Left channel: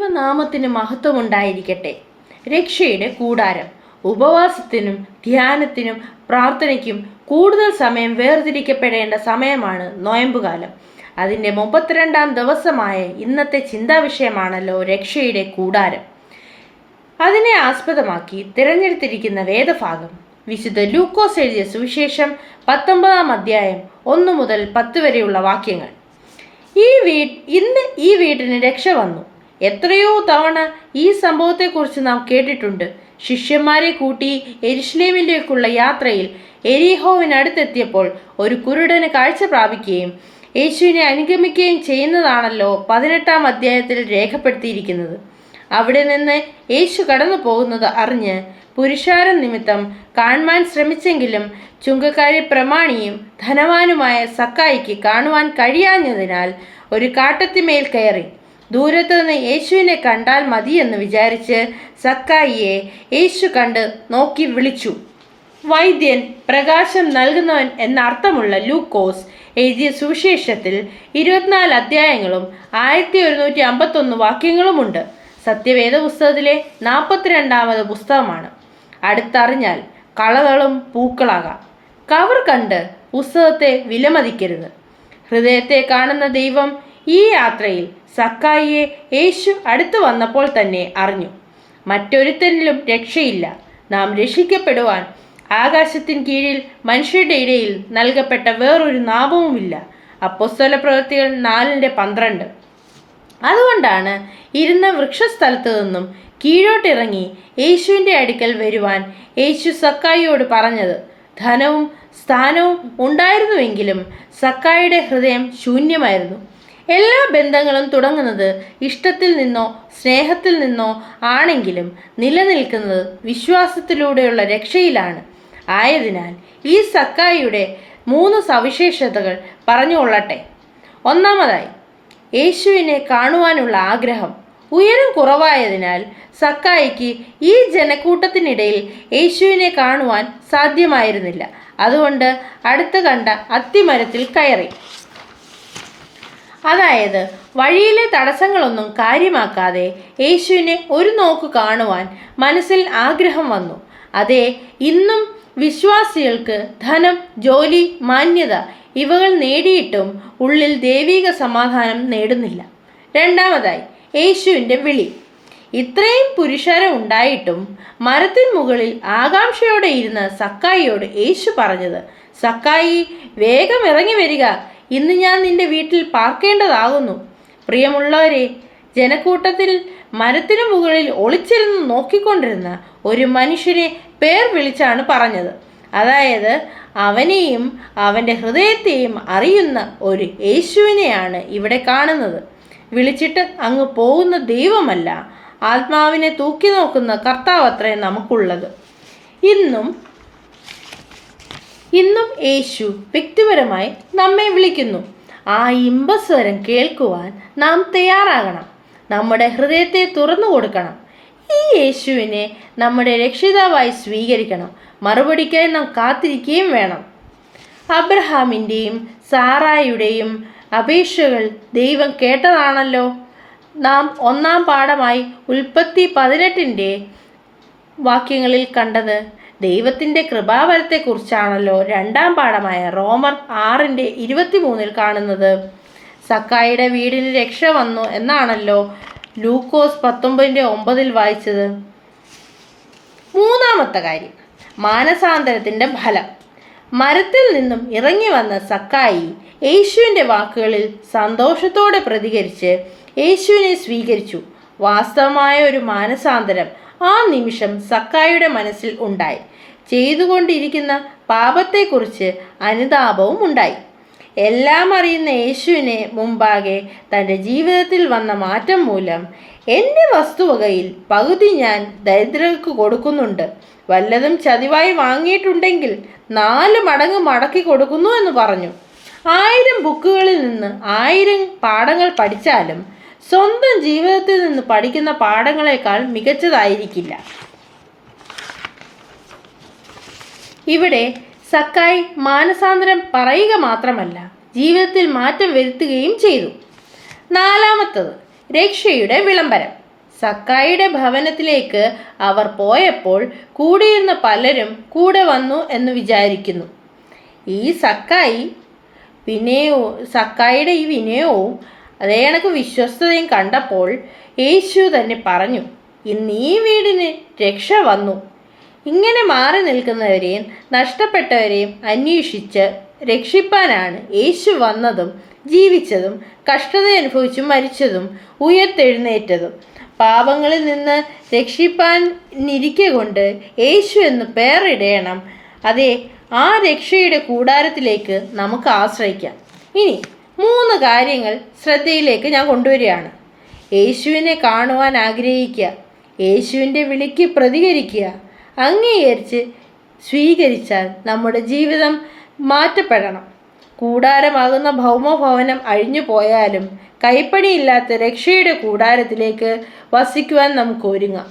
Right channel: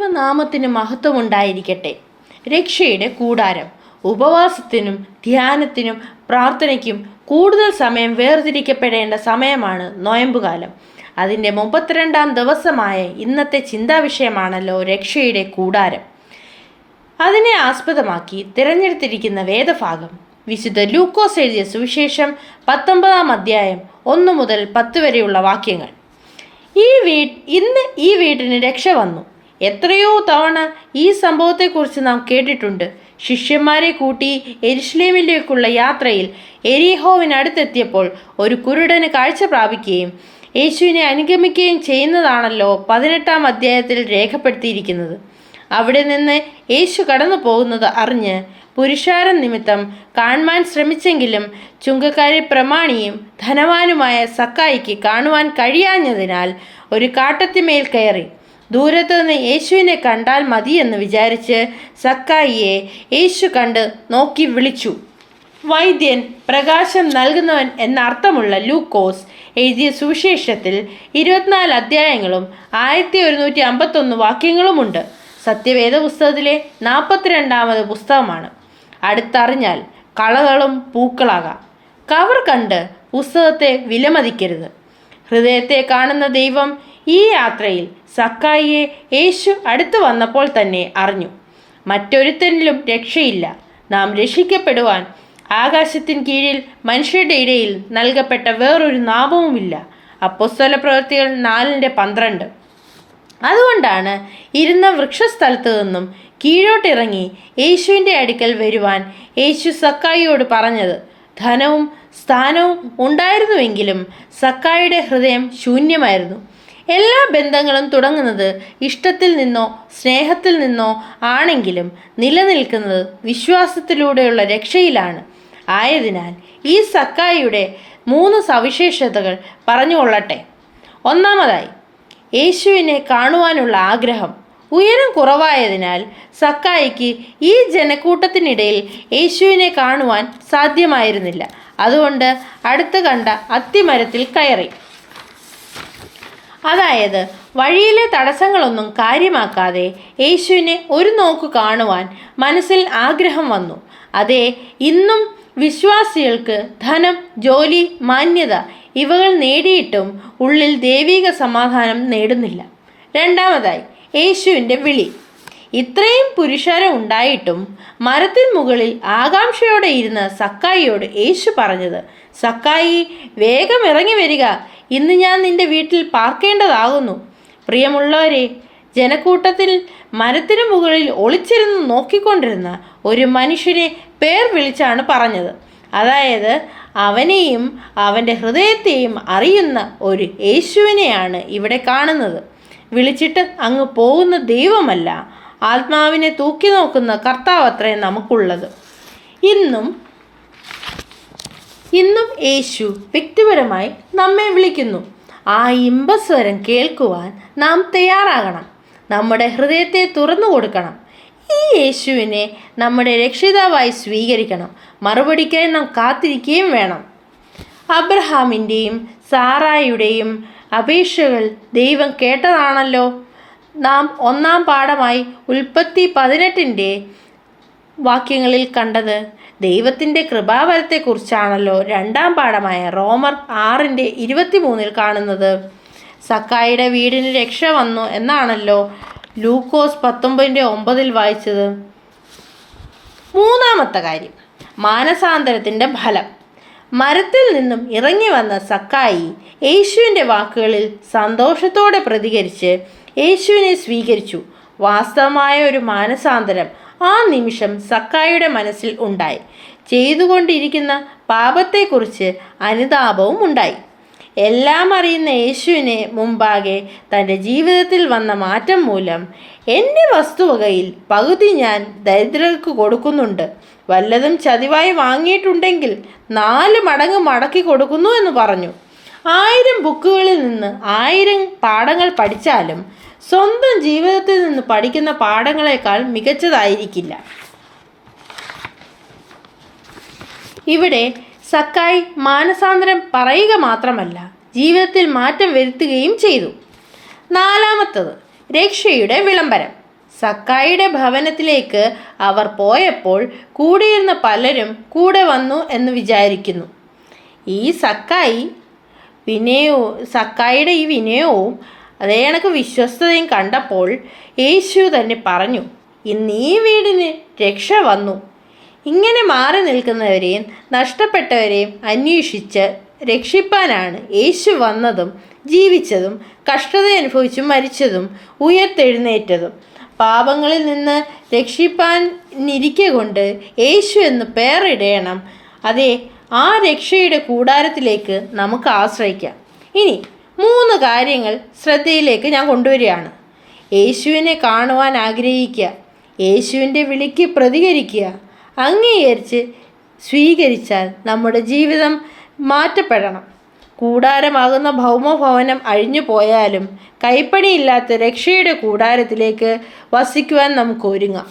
ദൈവനാമത്തിന് മഹത്വമുണ്ടായിരിക്കട്ടെ. രക്ഷയുടെ കൂടാരം. ഉപവാസത്തിനും ധ്യാനത്തിനും പ്രാർത്ഥനയ്ക്കും കൂടുതൽ സമയം വേർതിരിക്കപ്പെടേണ്ട സമയമാണ് നൊയമ്പുകാലം. അതിൻ്റെ 32-ാം ദിവസമായ ഇന്നത്തെ ചിന്താവിഷയമാണല്ലോ രക്ഷയുടെ കൂടാരം. അതിനെ ആസ്പദമാക്കി തിരഞ്ഞെടുത്തിരിക്കുന്ന വേദഭാഗം വിശുദ്ധ ലൂക്കോസ് എഴുതിയ സുവിശേഷം 19-ാം അധ്യായം 1 മുതൽ 10 വരെയുള്ള വാക്യങ്ങൾ. ഇന്ന് ഈ വീട്ടിന് രക്ഷ വന്നു. എത്രയോ തവണ ഈ സംഭവത്തെക്കുറിച്ച് നാം കേട്ടിട്ടുണ്ട്. ശിഷ്യന്മാരെ കൂട്ടി യെരുശലേമിലേക്കുള്ള യാത്രയിൽ എരീഹോവിനടുത്തെത്തിയപ്പോൾ ഒരു കുരുടന് കാഴ്ച പ്രാപിക്കുകയും യേശുവിനെ അനുഗമിക്കുകയും ചെയ്യുന്നതാണല്ലോ 18-ാം അധ്യായത്തിൽ രേഖപ്പെടുത്തിയിരിക്കുന്നത്. അവിടെ നിന്ന് യേശു കടന്നു പോകുന്നത് അറിഞ്ഞ് പുരുഷാരം നിമിത്തം കാണുവാൻ ശ്രമിച്ചെങ്കിലും ചുങ്കക്കാരെ പ്രമാണിയും ധനവാനുമായ സക്കായിക്ക് കാണുവാൻ കഴിയാഞ്ഞതിനാൽ ഒരു കാട്ടത്തിമേൽ കയറി ദൂരത്തു നിന്ന് യേശുവിനെ കണ്ടാൽ മതിയെന്ന് വിചാരിച്ച് സക്കായിയെ യേശു കണ്ട് നോക്കി വിളിച്ചു. വൈദ്യൻ, പ്രകാശം നൽകുന്നവൻ എന്നർത്ഥമുള്ള ലൂക്കോസ് എഴുതിയ സുവിശേഷത്തിൽ 24 അധ്യായങ്ങളും 1151 വാക്യങ്ങളുമുണ്ട്. സത്യവേദ പുസ്തകത്തിലെ 42-ാമത് പുസ്തകമാണ്. അടുത്തറിഞ്ഞാൽ കളകളും പൂക്കളാകാം. കവർ കണ്ട് പുസ്തകത്തെ വിലമതിക്കരുത്. ഹൃദയത്തെ കാണുന്ന ദൈവം ഈ യാത്രയിൽ സക്കായിയെ യേശു അടുത്തു വന്നപ്പോൾ തന്നെ അറിഞ്ഞു. മറ്റൊരുത്തനിലും രക്ഷയില്ല. നാം രക്ഷിക്കപ്പെടുവാൻ ആകാശത്തിന് കീഴിൽ മനുഷ്യരുടെ ഇടയിൽ നൽകപ്പെട്ട വേറൊരു നാമവുമില്ല. അപ്പോസ്തലപ്രവൃത്തികൾ 4:12. അതുകൊണ്ടാണ് ഇരുന്ന വൃക്ഷസ്ഥലത്ത് നിന്നും കീഴോട്ടിറങ്ങി യേശുവിൻ്റെ അടുക്കൽ വരുവാൻ യേശു സക്കായിയോട് പറഞ്ഞത്. ധനവും സ്ഥാനവും ഉണ്ടായിരുന്നുവെങ്കിലും സക്കായിയുടെ ഹൃദയം ശൂന്യമായിരുന്നു. എല്ലാ ബന്ധങ്ങളും തുടങ്ങുന്നത് ഇഷ്ടത്തിൽ നിന്നോ സ്നേഹത്തിൽ നിന്നോ ആണെങ്കിലും നിലനിൽക്കുന്നത് വിശ്വാസത്തിലൂടെയുള്ള രക്ഷയിലാണ്. ആയതിനാൽ ഈ സക്കായിയുടെ 3 സവിശേഷതകൾ പറഞ്ഞുകൊള്ളട്ടെ. ഒന്നാമതായി, യേശുവിനെ കാണുവാനുള്ള ആഗ്രഹം. ഉയരം കുറവായതിനാൽ സക്കായിക്ക് ഈ ജനക്കൂട്ടത്തിനിടയിൽ യേശുവിനെ കാണുവാൻ സാധ്യമായിരുന്നില്ല. അതുകൊണ്ട് അടുത്ത് കണ്ട അത്തിമരത്തിൽ കയറി. അതായത് വഴിയിലെ തടസ്സങ്ങളൊന്നും കാര്യമാക്കാതെ യേശുവിനെ ഒരു നോക്ക് കാണുവാൻ മനസ്സിൽ ആഗ്രഹം വന്നു. അതെ, ഇന്നും വിശ്വാസികൾക്ക് ധനം, ജോലി, മാന്യത ഇവകൾ നേടിയിട്ടും ഉള്ളിൽ ദൈവിക സമാധാനം നേടുന്നില്ല. രണ്ടാമതായി, യേശുവിൻ്റെ വിളി. ഇത്രയും പുരുഷാരം ഉണ്ടായിട്ടും മരത്തിൻ മുകളിൽ ആകാംക്ഷയോടെ ഇരുന്ന സക്കായിയോട് യേശു പറഞ്ഞത്, സക്കായി, വേഗം ഇറങ്ങി വരിക, ഇന്ന് ഞാൻ നിന്റെ വീട്ടിൽ പാർക്കേണ്ടതാകുന്നു. പ്രിയമുള്ളവരെ, ജനക്കൂട്ടത്തിൽ മരത്തിനു മുകളിൽ ഒളിച്ചിരുന്ന് നോക്കിക്കൊണ്ടിരുന്ന ഒരു മനുഷ്യനെ പേർ വിളിച്ചാണ് പറഞ്ഞത്. അതായത് അവനെയും അവൻ്റെ ഹൃദയത്തെയും അറിയുന്ന ഒരു യേശുവിനെയാണ് ഇവിടെ കാണുന്നത്. വിളിച്ചിട്ട് അങ്ങ് പോകുന്ന ദൈവമല്ല, ആത്മാവിനെ തൂക്കി നോക്കുന്ന കർത്താവത്രേ നമുക്കുള്ളത്. ഇന്നും യേശു വ്യക്തിപരമായി നമ്മെ വിളിക്കുന്നു. ആ ഇമ്പസ്വരം കേൾക്കുവാൻ നാം തയ്യാറാകണം. നമ്മുടെ ഹൃദയത്തെ തുറന്നു കൊടുക്കണം. ഈ യേശുവിനെ നമ്മുടെ രക്ഷിതാവായി സ്വീകരിക്കണം. മറുപടിക്കായി നാം കാത്തിരിക്കുകയും വേണം. അബ്രഹാമിൻ്റെയും സാറായുടെയും അപേക്ഷകൾ ദൈവം കേട്ടതാണല്ലോ നാം 1-ാം പാഠമായി ഉൽപ്പത്തി 18-ന്റെ വാക്യങ്ങളിൽ കണ്ടത്. ദൈവത്തിൻ്റെ കൃപാവരത്തെക്കുറിച്ചാണല്ലോ 2-ാം പാഠമായ റോമർ 6:23 കാണുന്നത്. സക്കായിയുടെ വീടിന് രക്ഷ വന്നു എന്നാണല്ലോ ലൂക്കോസ് 19:9 വായിച്ചത്. മൂന്നാമത്തെ കാര്യം, മാനസാന്തരത്തിൻ്റെ ഫലം. മരത്തിൽ നിന്നും ഇറങ്ങി വന്ന സക്കായി യേശുവിൻ്റെ വാക്കുകളിൽ സന്തോഷത്തോടെ പ്രതികരിച്ച് യേശുവിനെ സ്വീകരിച്ചു. വാസ്തവമായ ഒരു മാനസാന്തരം ആ നിമിഷം സക്കായിയുടെ മനസ്സിൽ ഉണ്ടായി. ചെയ്തുകൊണ്ടിരിക്കുന്ന പാപത്തെക്കുറിച്ച് അനുതാപവും ഉണ്ടായി. എല്ലാം അറിയുന്ന യേശുവിനെ മുമ്പാകെ തൻ്റെ ജീവിതത്തിൽ വന്ന മാറ്റം മൂലം, എൻ്റെ വസ്തുവകയിൽ പകുതി ഞാൻ ദരിദ്രർക്ക് കൊടുക്കുന്നുണ്ട്, വല്ലതും ചതിവായി വാങ്ങിയിട്ടുണ്ടെങ്കിൽ 4 മടങ്ങ് മടക്കി കൊടുക്കുന്നു എന്ന് പറഞ്ഞു. 1000 ബുക്കുകളിൽ നിന്ന് 1000 പാഠങ്ങൾ പഠിച്ചാലും സ്വന്തം ജീവിതത്തിൽ നിന്ന് പഠിക്കുന്ന പാഠങ്ങളെക്കാൾ മികച്ചതായിരിക്കില്ല. ഇവിടെ സക്കായി മാനസാന്തരം പറയുക മാത്രമല്ല, ജീവിതത്തിൽ മാറ്റം വരുത്തുകയും ചെയ്തു. നാലാമത്തത്, രക്ഷയുടെ വിളംബരം. സക്കായിയുടെ ഭവനത്തിലേക്ക് അവർ പോയപ്പോൾ കൂടിയിരുന്ന പലരും കൂടെ വന്നു എന്ന് വിചാരിക്കുന്നു. ഈ സക്കായിയുടെ ഈ വിനയവും അതേ കണക്ക് വിശ്വസ്തതയും കണ്ടപ്പോൾ യേശു തന്നെ പറഞ്ഞു, ഇന്ന് ഈ വീടിന് രക്ഷ വന്നു. ഇങ്ങനെ മാറി നിൽക്കുന്നവരെയും നഷ്ടപ്പെട്ടവരെയും അന്വേഷിച്ച് രക്ഷിപ്പാനാണ് യേശു വന്നതും ജീവിച്ചതും കഷ്ടത അനുഭവിച്ചും മരിച്ചതും ഉയർത്തെഴുന്നേറ്റതും. പാപങ്ങളിൽ നിന്ന് രക്ഷിപ്പാനിരിക്കെ കൊണ്ട് യേശു എന്ന് പേരിടണം. അതെ, ആ രക്ഷയുടെ കൂടാരത്തിലേക്ക് നമുക്ക് ആശ്രയിക്കാം. ഇനി 3 കാര്യങ്ങൾ ശ്രദ്ധയിലേക്ക് ഞാൻ കൊണ്ടുവരികയാണ്. യേശുവിനെ കാണുവാൻ ആഗ്രഹിക്കുക, യേശുവിൻ്റെ വിളിക്ക് പ്രതികരിക്കുക, അംഗീകരിച്ച് സ്വീകരിച്ചാൽ നമ്മുടെ ജീവിതം മാറ്റപ്പെടണം. കൂടാരമാകുന്ന ഭൗമഭവനം അഴിഞ്ഞു പോയാലും കൈപ്പണിയില്ലാത്ത രക്ഷയുടെ കൂടാരത്തിലേക്ക് വസിക്കുവാൻ നമുക്ക് ഒരുങ്ങാം.